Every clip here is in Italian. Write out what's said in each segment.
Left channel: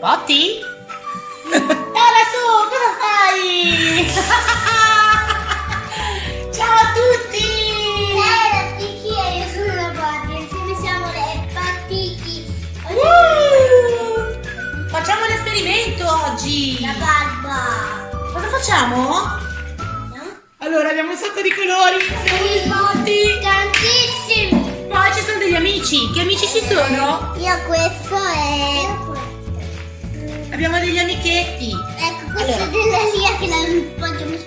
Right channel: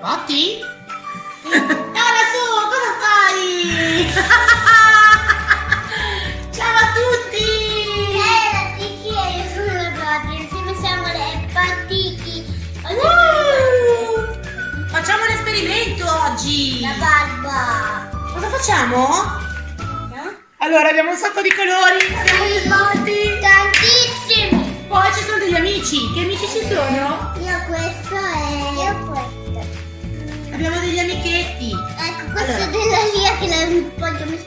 Botti? Ora su, cosa fai? Ciao a tutti! La Tiki e io sono la Botti, insieme siamo le Bottiki. Facciamo l'esperimento oggi! La barba. Cosa facciamo? No? Allora, abbiamo un sacco di colori, abbiamo dei botti, Tantissimi. poi ci sono degli amici. Che amici ci sono? Io questo e io questo. Abbiamo degli amichetti. Ecco, questo Allora. della Lia che la poggiamo su.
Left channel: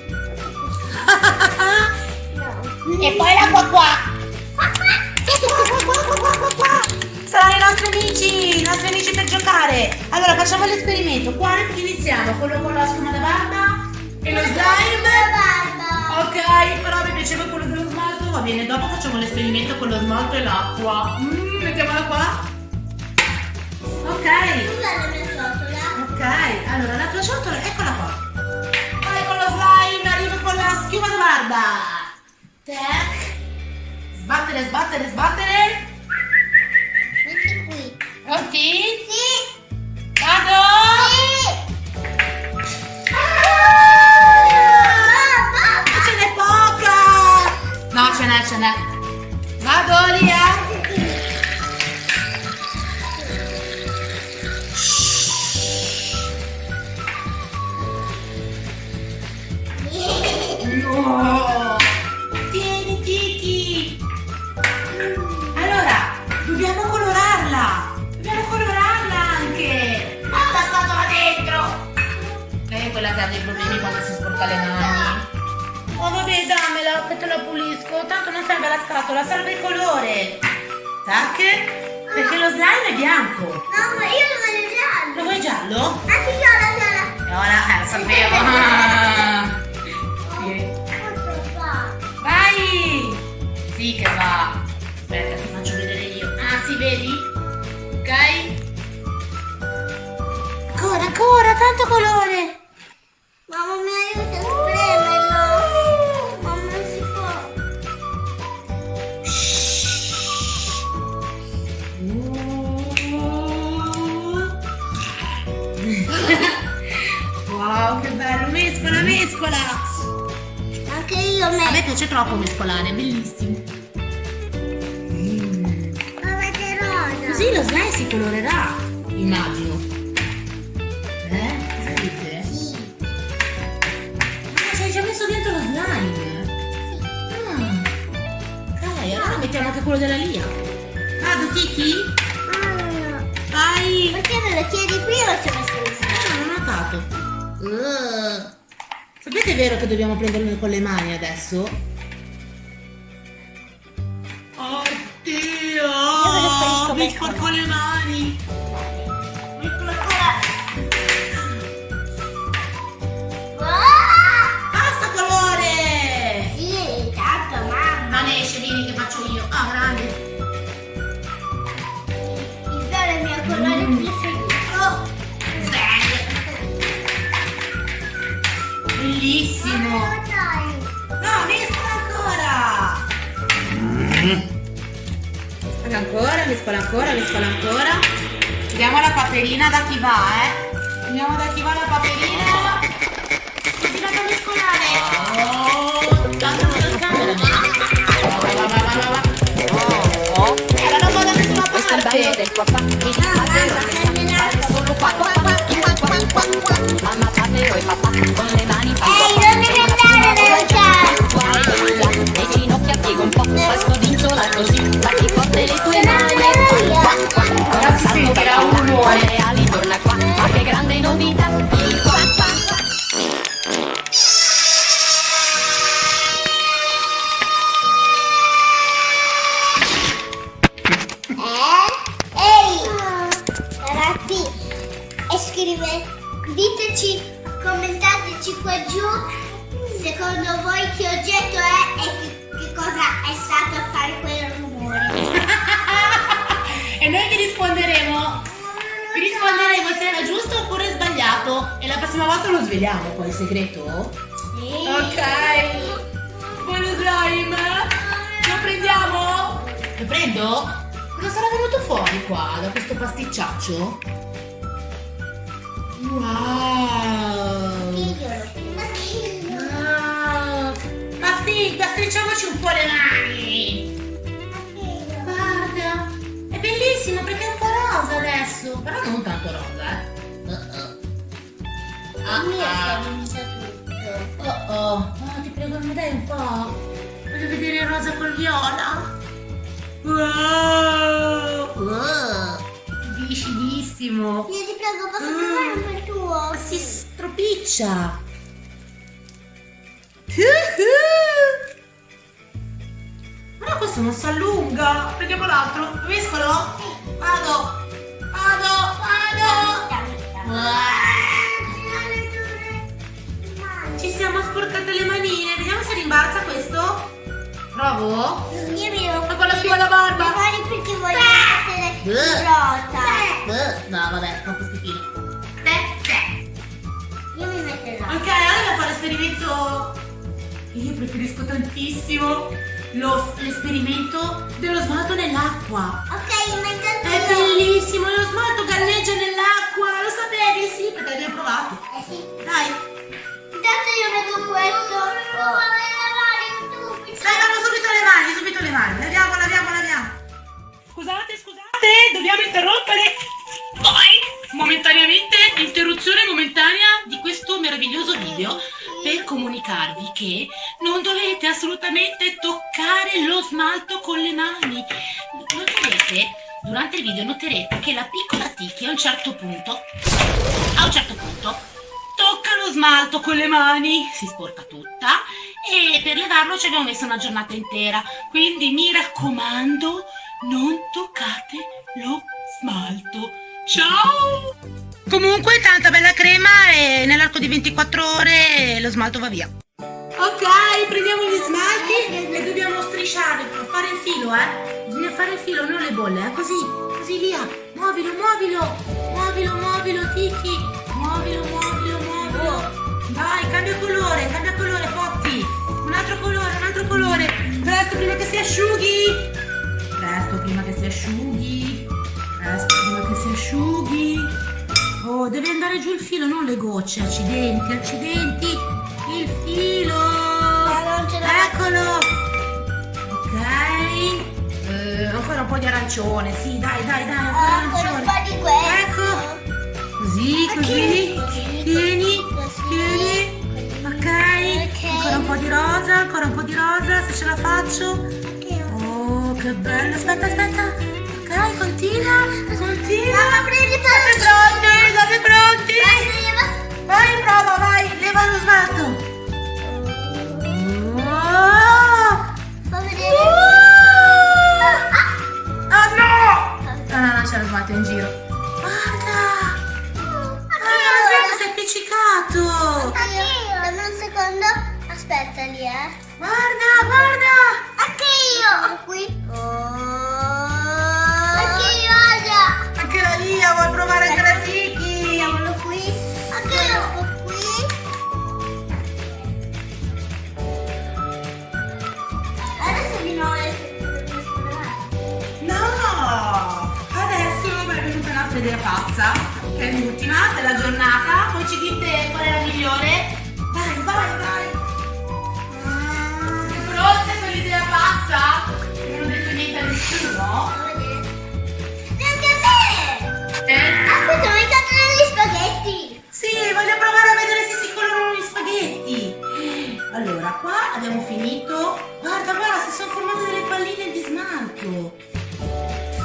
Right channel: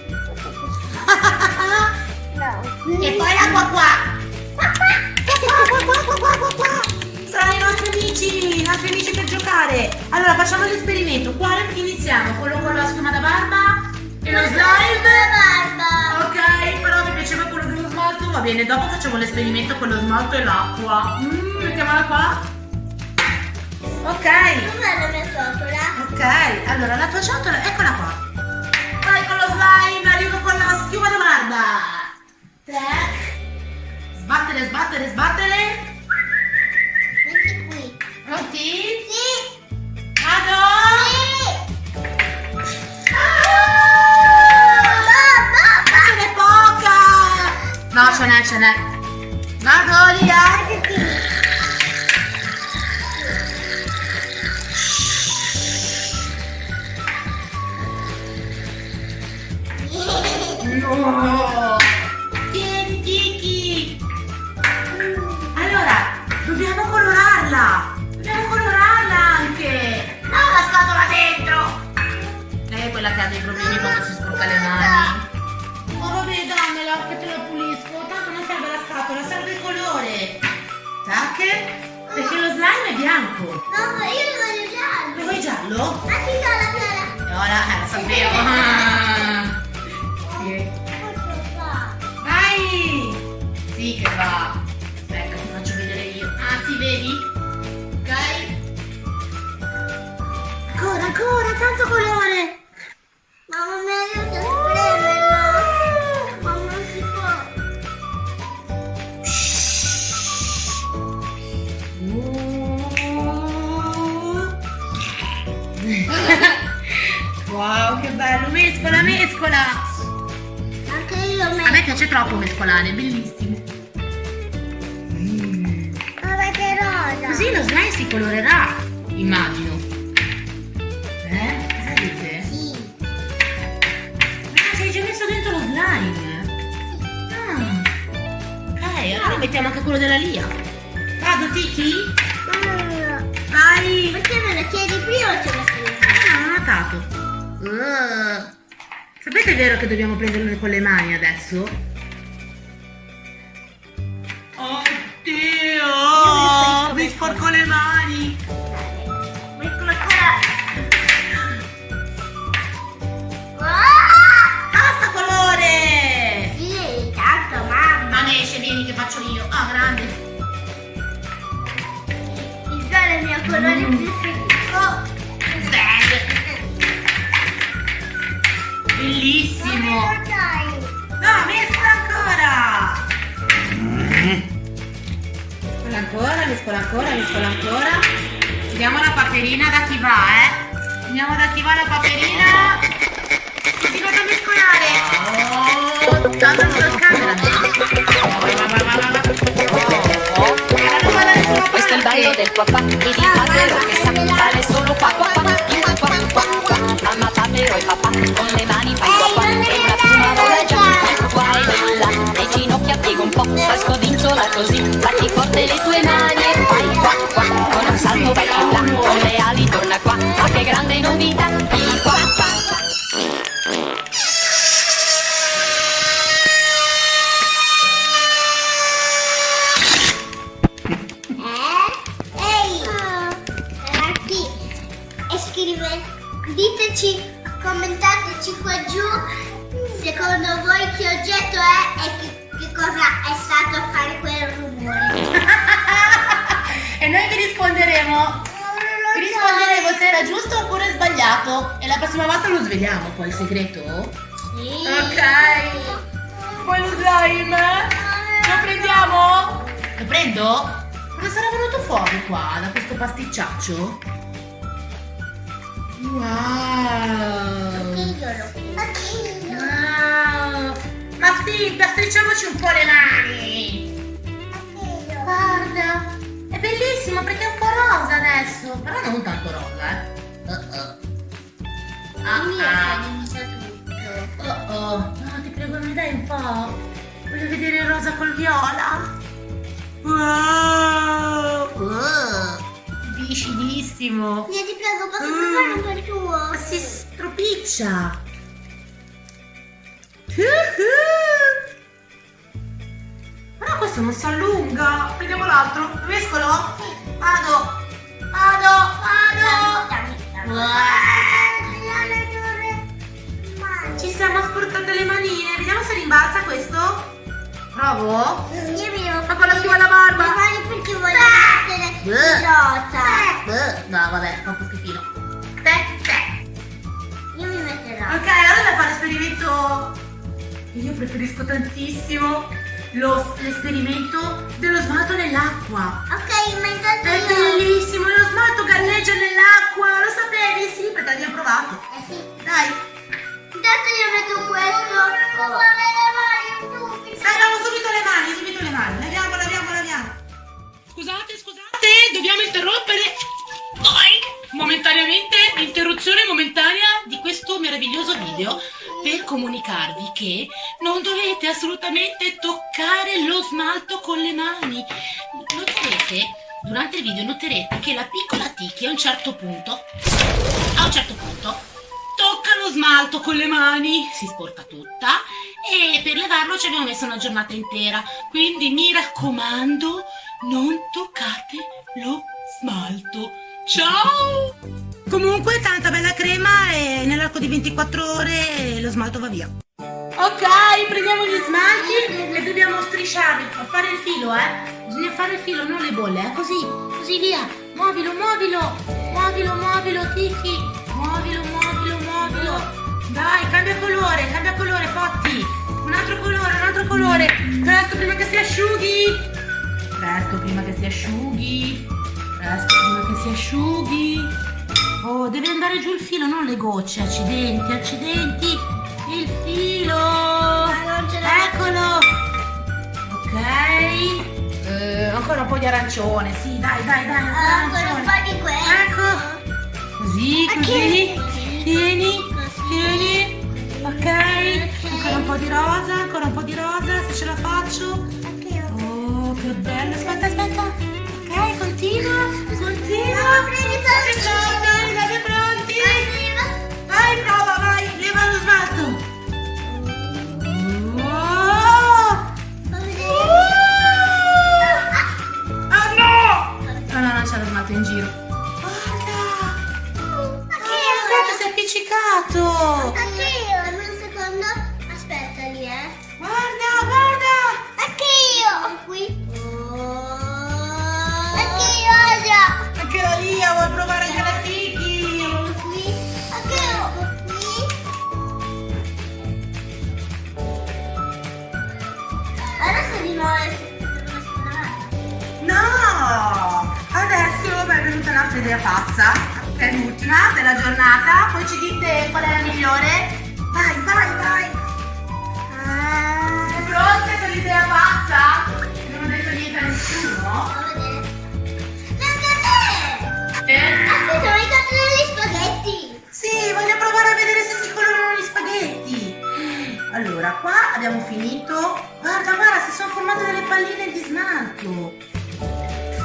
No. E poi la qua. Saranno i nostri amici per giocare. Allora facciamo l'esperimento. Quale iniziamo? Quello con la schiuma da barba e lo slime? La barba. Ok, però mi piaceva quello dello smalto. Va bene, dopo facciamo l'esperimento con lo smalto e l'acqua. Mettiamola qua. Ok. Com'è la mia ciotola? Ok, allora la tua ciotola, eccola qua. Poi con lo slime arrivo con la schiuma da barba. Tac. Sbattere, sbattere, sbattere. Metti qui. Pronti? Sì. Vado! Sì. Ce n'è poca! No, ce n'è. Vado, Lia! No! Tieni, Tiki! Allora, dobbiamo colorarla! Dobbiamo colorarla anche! No, la scatola dentro! È quella che ha dei problemi quando si sporca le mani. Oh vabbè, dammela che te la pulisco. Tanto non serve la scatola, serve il colore. Tac? Perché lo slime è bianco. No, ma io lo voglio giallo. Lo vuoi giallo? Ah, sì, viola. Ora, lo sapevo. Ah. Sì. Questo fa. Vai! Sì che va. Aspetta, ti faccio vedere io. Ah, sì, vedi? Ok? Ancora, tanto colore! Mamma mia, aiuto a spremerlo. Ma non si può. Wow, che bello! Mescola, mescola! Anche io A metto. me piace troppo mescolare, è bellissimo. Ma che rosa. Così lo slime si colorerà, immagino. Cosa dite? Sì. Ah, ci hai già messo dentro lo slime? Ah. Ok, allora mettiamo anche quello della Lia. Vado, Tiki? Ah, Vai! perché me lo chiedi prima o ci ho messo il Non ho notato. Sapete, è vero che dobbiamo prenderlo con le mani adesso? Oddio! Mi sporco le mani! Metto ancora. Basta colore! Sì, tanto mamma. Non esce, vieni che faccio io. Ah, grande! Il viola è il mio colore preferito. Bellissimo! Dai. No, mescola ancora! Mescola ancora. Vediamo la paperina da chi va, Vediamo da chi va la paperina. Continuate a mescolare. Oh, tanto con lo scatolo. Va. Questo è il ballo del qua qua, e di Papero che sa fare solo qua qua qua, qua qua qua qua. Mamma Papero e papà con le mani fan qua qua, non e una devi prima andare vola già, lontano. qua e là, le ginocchia piega un po', poi scodinzola così, batti forte le tue mani e fai qua qua, con un salto vai più là, con le ali torna qua, ma che grande novità, il qua qua. Ehi, ragazzi, e diteci, commentateci qua giù, secondo voi che oggetto è e che cosa è stato a fare quel rumore. E noi vi risponderemo. Vi risponderemo se era giusto oppure sbagliato. E la prossima volta lo sveliamo poi il segreto. Sì. Ok. Poi lo slime. Lo prendiamo? Lo prendo? Cosa sarà venuto fuori qua da questo pasticciaccio? Wow! Wow! Mafti, pasticciamoci un po' le mani! Guarda! È bellissimo perché è un po' rosa adesso! Però non tanto rosa, eh! Oh, ti prego, mi dai un po'? Voglio vedere il rosa col viola! Wow! Viscidissimo! Io ti prego, posso provare un po' il tuo? Ma si stropiccia! Però questo non si allunga! Prendiamo l'altro! Mescolo? Vado! Ci siamo sporcate le manine! Vediamo se rimbalza questo! Provo? Ma con la sua alla barba! Magari perché voglio essere rosa. No, vabbè, troppo schifino. Io mi metterò. Ok, allora da fare l'esperimento. Io preferisco tantissimo l'esperimento dello smalto nell'acqua. Ok, ma intanto È bellissimo, lo smalto galleggia nell'acqua, lo sapevi? Sì, perché l'abbiamo provato. sì. Dai, Intanto io metto questo. Non vuole lavare tu. salviamo subito le mani. Laviamo. Scusate, dobbiamo interrompere. Momentaneamente, interruzione momentanea di questo meraviglioso video per comunicarvi che non dovete assolutamente toccare lo smalto con le mani. Durante il video noterete che la piccola Tiki a un certo punto tocca lo smalto con le mani, si sporca tutta e per levarlo ci abbiamo messo una giornata intera. Quindi mi raccomando, non toccate lo smalto. Ciao! Comunque tanta bella crema e nell'arco di 24 ore lo smalto va via. Ok, prendiamo gli smalti e dobbiamo strisciarli, fare il filo, Bisogna fare il filo, non le bolle, così via. Muovilo, Tiki. Muovilo. Dai, cambia colore, Potti. Un altro colore. Presto prima che si asciughi. Oh, deve andare giù il filo, non le gocce. Accidenti. Il filo. Eccolo. Ok. Ancora un po' di arancione. Sì, dai, ancora Ancora un arancione. po' di questo. Ecco. Così. Tieni. Ok. Ancora un po' di rosa, se ce la faccio. Oh, che bello. Aspetta. Ok, continua. Siete pronti? Vai, prova, leva lo smalto. Ah no! No, c'è lo smalto in giro. Guarda, si è appiccicato. Dammi un secondo. Aspetta lì, Guarda. Anche io. Qui. Anche io, Asia. Anche la Lia vuoi provare anche la Tiki. Eccolo qui. Anche io. Qui. Adesso di nuovo. No! Adesso è venuta un'altra idea pazza. È l'ultima della giornata. Poi ci dite qual è la migliore. Vai. Pronte per l'idea pazza? Non ho detto niente a nessuno. Aspetta, ho entrato negli spaghetti. Sì, voglio provare a vedere se si colorano gli spaghetti. Allora, qua abbiamo finito. Guarda, si sono formate delle palline di smalto.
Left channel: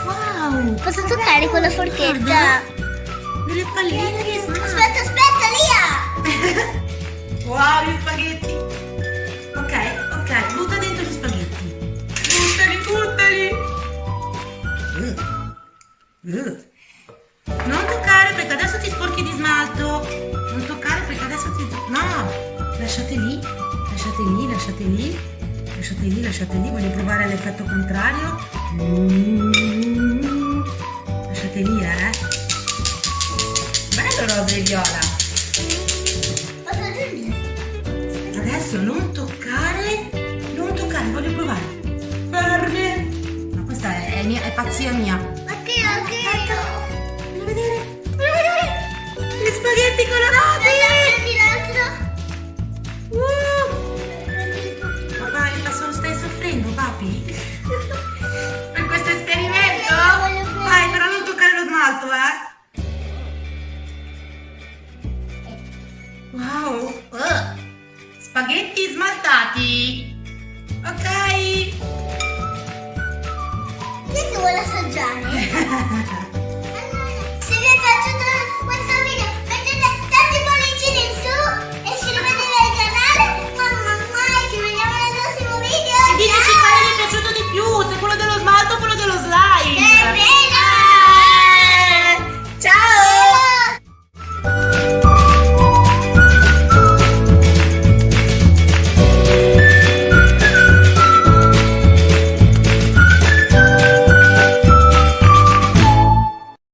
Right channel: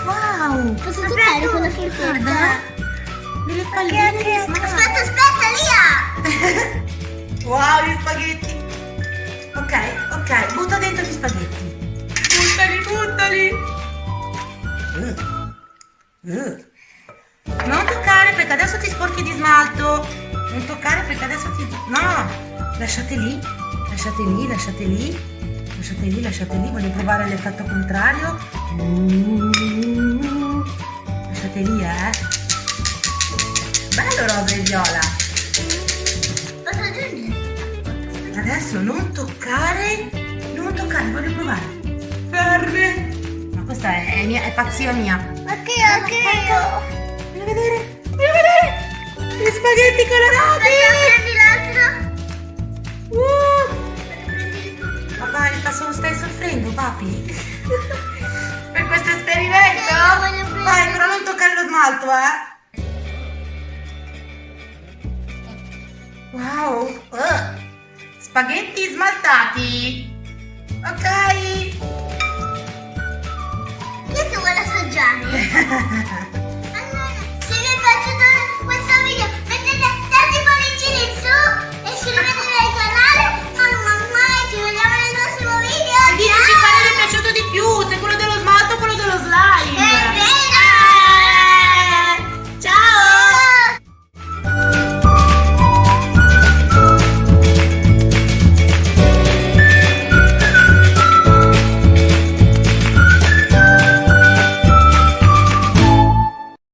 Wow! Posso toccare con la forchetta? Guarda, delle palline di smalto. Aspetta, Lia. Wow, gli spaghetti. Ok, butta dentro gli spaghetti. Buttali. Non toccare perché adesso ti sporchi di smalto. No, lasciate lì. Voglio provare l'effetto contrario. Lasciate lì, Bello rosa e viola. Posso dirmi? Adesso non toccare, voglio provare. Ferme. Ma questa è è pazzia mia. Ok. Voglio vedere. Gli spaghetti colorati. Papà, stai soffrendo, papi? Per questo esperimento? Vai, però non toccare lo smalto, Wow. Spaghetti smaltati. Ok. Io che vuole assaggiare.